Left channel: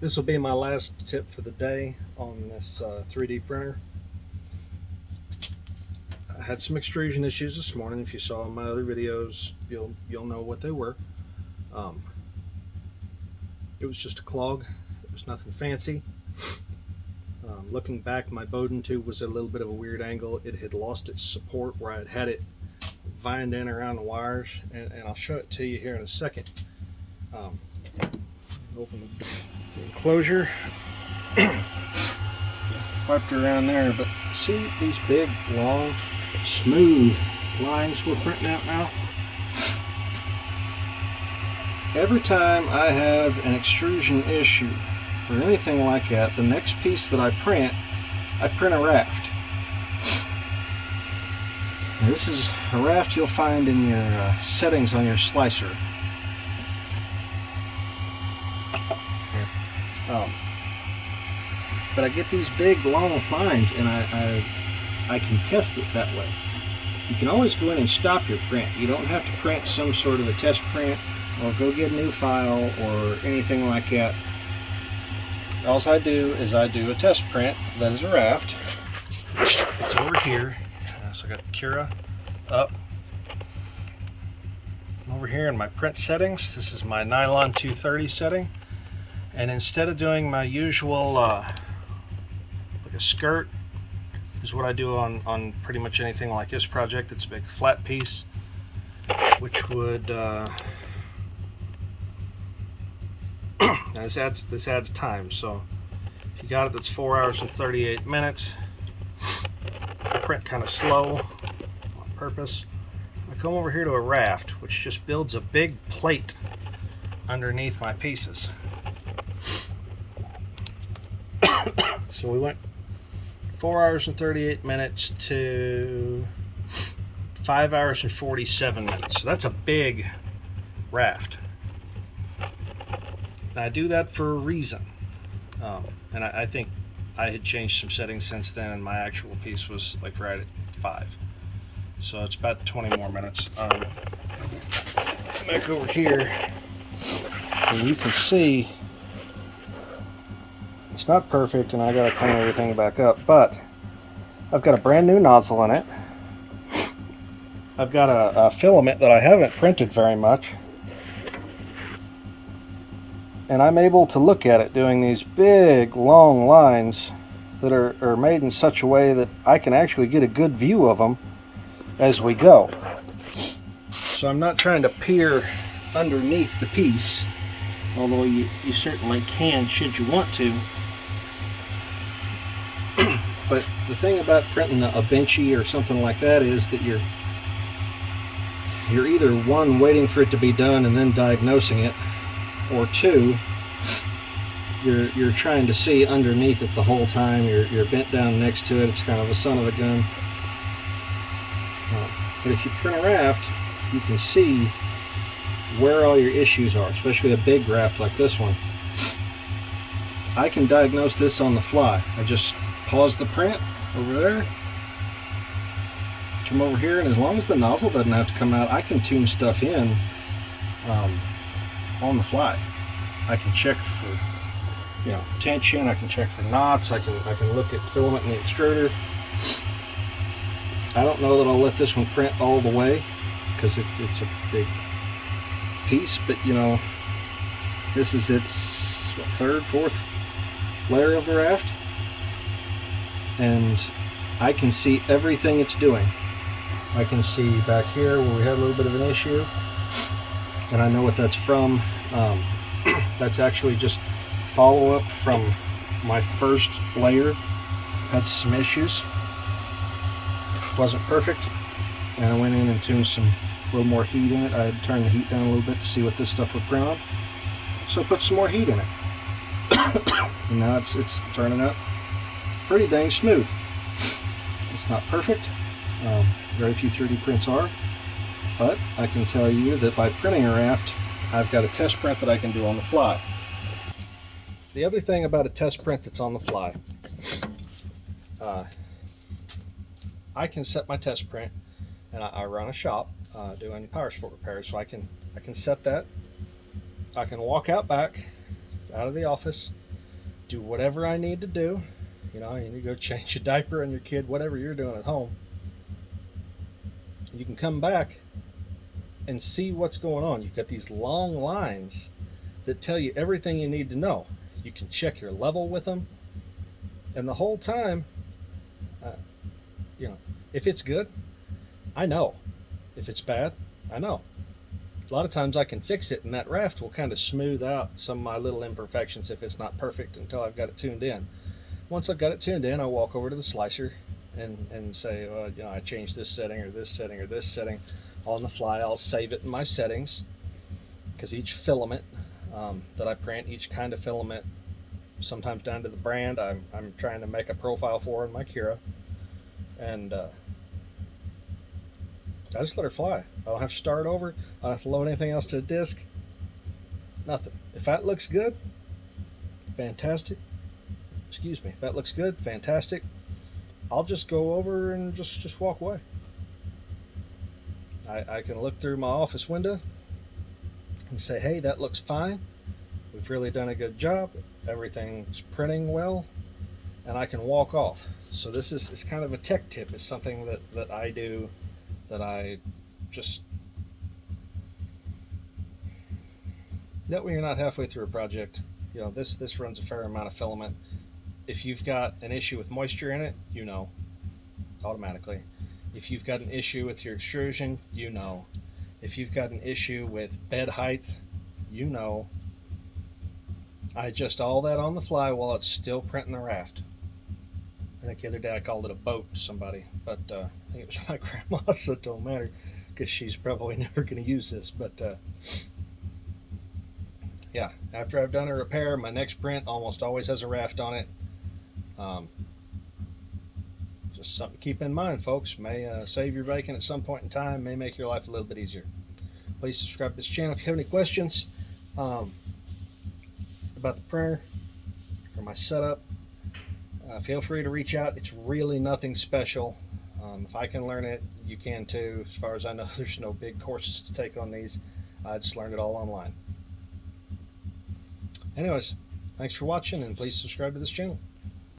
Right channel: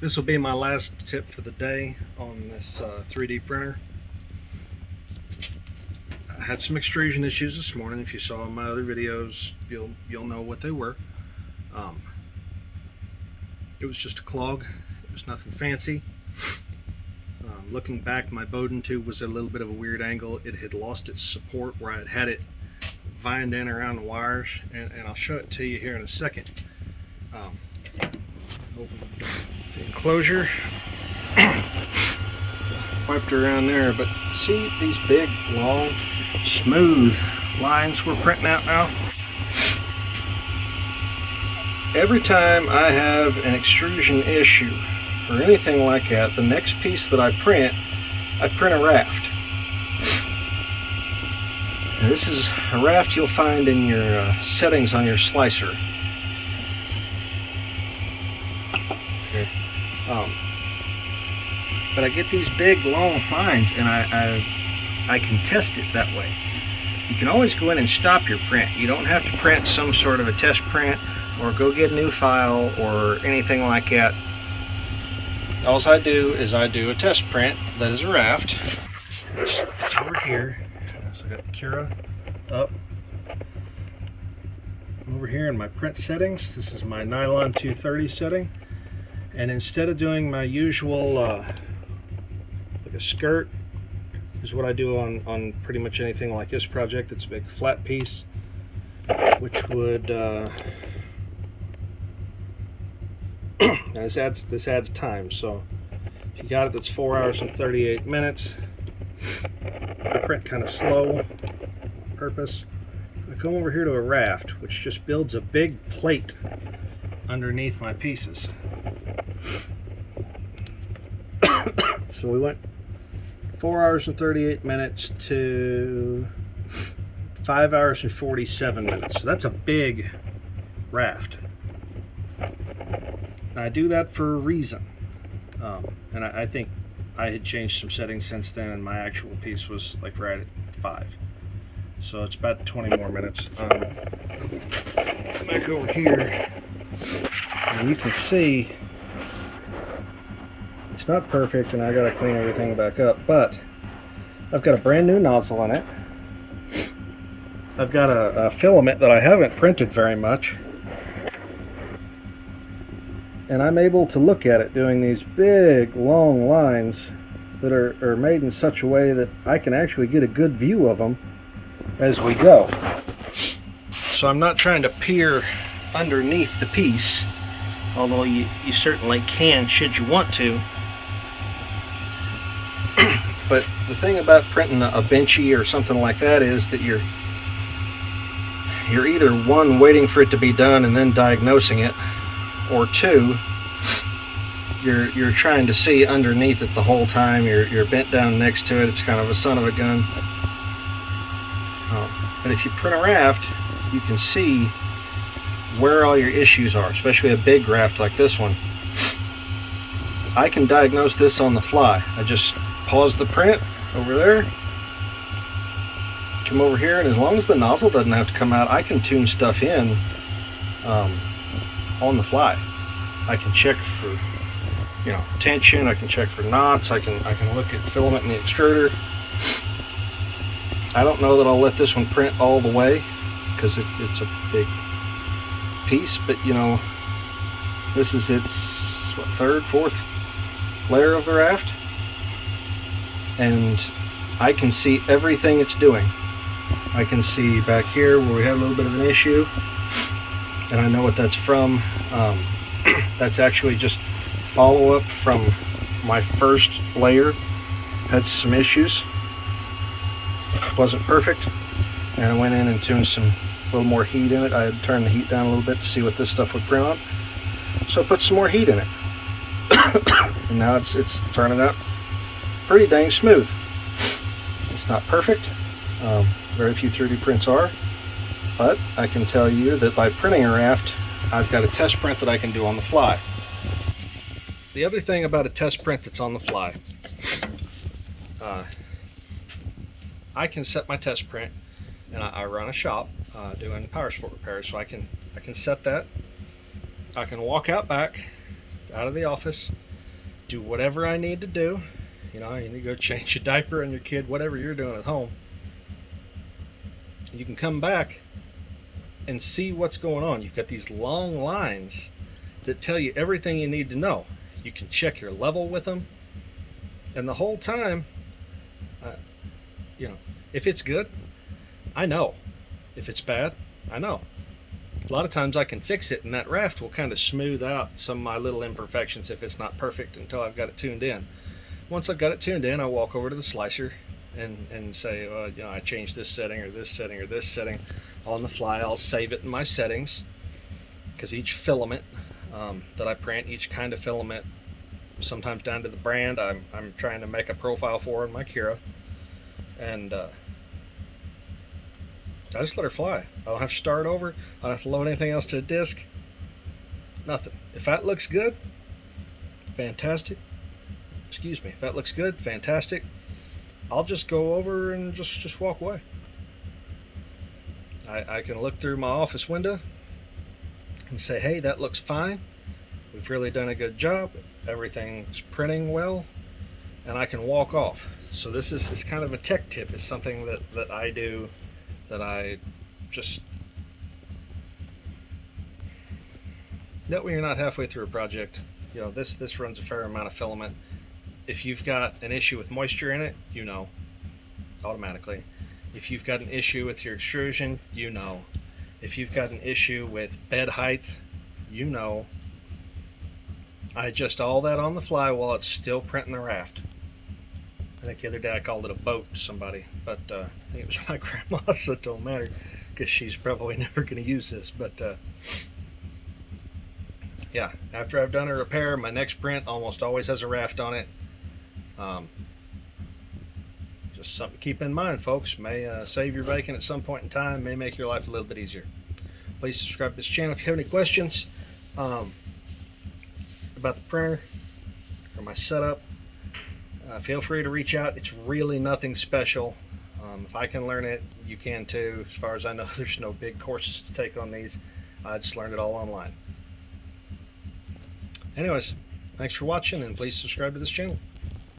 This will be my last tip for the day on this 3D printer. I had some extrusion issues this morning. If you saw my other videos, you'll know what they were. It was just a clog. It was nothing fancy. Looking back, my Bowden tube was at a little bit of a weird angle. It had lost its support where I'd had it vined in around the wires, and I'll show it to you here in a second. Open the enclosure, wiped around there, but see these big, long, smooth lines we're printing out now? Every time I have an extrusion issue or anything like that, the next piece that I print a raft. Now this is a raft you'll find in your settings on your slicer. Here. But I get these big long lines, and I can test it that way. You can always go in and stop your print. You don't have to print some sort of a test print or go get a new file or anything like that. All I do is I do a test print that is a raft. It's over here. So I got Cura up. I'm over here in my print settings. This is my nylon 230 setting. And instead of doing my usual like a skirt, is what I do on pretty much anything like this project. It's a big flat piece, which would this adds time. So if you got it, that's 4 hours and 38 minutes. I print kind of slow on purpose. I come over here to a raft, which just builds a big plate underneath my pieces. So we went 4 hours and 38 minutes to 5 hours and 47 minutes. So that's a big raft. I do that for a reason. And I think I had changed some settings since then, and my actual piece was like right at 5. So it's about 20 more minutes. Back over here, and you can see it's not perfect, and I gotta clean everything back up, but I've got a brand new nozzle in it. I've got a filament that I haven't printed very much, and I'm able to look at it doing these big long lines that are made in such a way that I can actually get a good view of them as we go. So I'm not trying to peer underneath the piece, although you certainly can should you want to. But the thing about printing a benchy or something like that is that you're either one, waiting for it to be done and then diagnosing it, or two, you're trying to see underneath it the whole time. You're bent down next to it. It's kind of a son of a gun. But if you print a raft, you can see where all your issues are, especially a big raft like this one. I can diagnose this on the fly. I just pause the print over there, come over here, and as long as the nozzle doesn't have to come out, I can tune stuff in on the fly. I can check for tension, I can check for knots, I can look at filament in the extruder. I don't know that I'll let this one print all the way because it's a big piece, but this is its third, fourth layer of the raft, and I can see everything it's doing. I can see back here where we had a little bit of an issue, and I know what that's from. That's actually just follow-up from my first layer. Had some issues, wasn't perfect, and I went in and tuned a little more heat in it. I had turned the heat down a little bit to see what this stuff would print on, so I put some more heat in it. And now it's turning out pretty dang smooth. It's not perfect, very few 3D prints are, but I can tell you that by printing a raft, I've got a test print that I can do on the fly. The other thing about a test print that's on the fly, I can set my test print, and I run a shop doing power sport repairs, so I can set that. I can walk out back out of the office do whatever I need to do. You know, you need to go change your diaper on your kid, whatever you're doing at home. You can come back and see what's going on. You've got these long lines that tell you everything you need to know. You can check your level with them, and the whole time, you know, if it's good, I know. If it's bad, I know. A lot of times I can fix it, and that raft will kind of smooth out some of my little imperfections if it's not perfect until I've got it tuned in. Once I've got it tuned in, I walk over to the slicer and say, you know, I changed this setting or this setting or this setting on the fly. I'll save it in my settings, because each filament that I print, each kind of filament, sometimes down to the brand, I'm trying to make a profile for in my Cura, and I just let her fly. I don't have to start over. I don't have to load anything else to a disk. Nothing. If that looks good, fantastic. Excuse me. If that looks good, fantastic. I'll just go over and just walk away. I can look through my office window and say, hey, that looks fine. We've really done a good job. Everything's printing well. And I can walk off. So this is kind of a tech tip. It's something that I do, that I just, that when you're not halfway through a project, you know, this runs a fair amount of filament. If you've got an issue with moisture in it, you know, automatically. If you've got an issue with your extrusion, you know. If you've got an issue with bed height, you know. I adjust all that on the fly while it's still printing the raft. I think the other day I called it a boat to somebody, but I think it was my grandma, so it don't matter, because she's probably never going to use this. But yeah, after I've done a repair, my next print almost always has a raft on it. Just something to keep in mind, folks. May save your bacon at some point in time, may make your life a little bit easier. Please subscribe to this channel if you have any questions about the printer or my setup. Feel free to reach out. It's really nothing special. If I can learn it, you can too. As far as I know, there's no big courses to take on these. I just learned it all online. Anyways, thanks for watching, and please subscribe to this channel.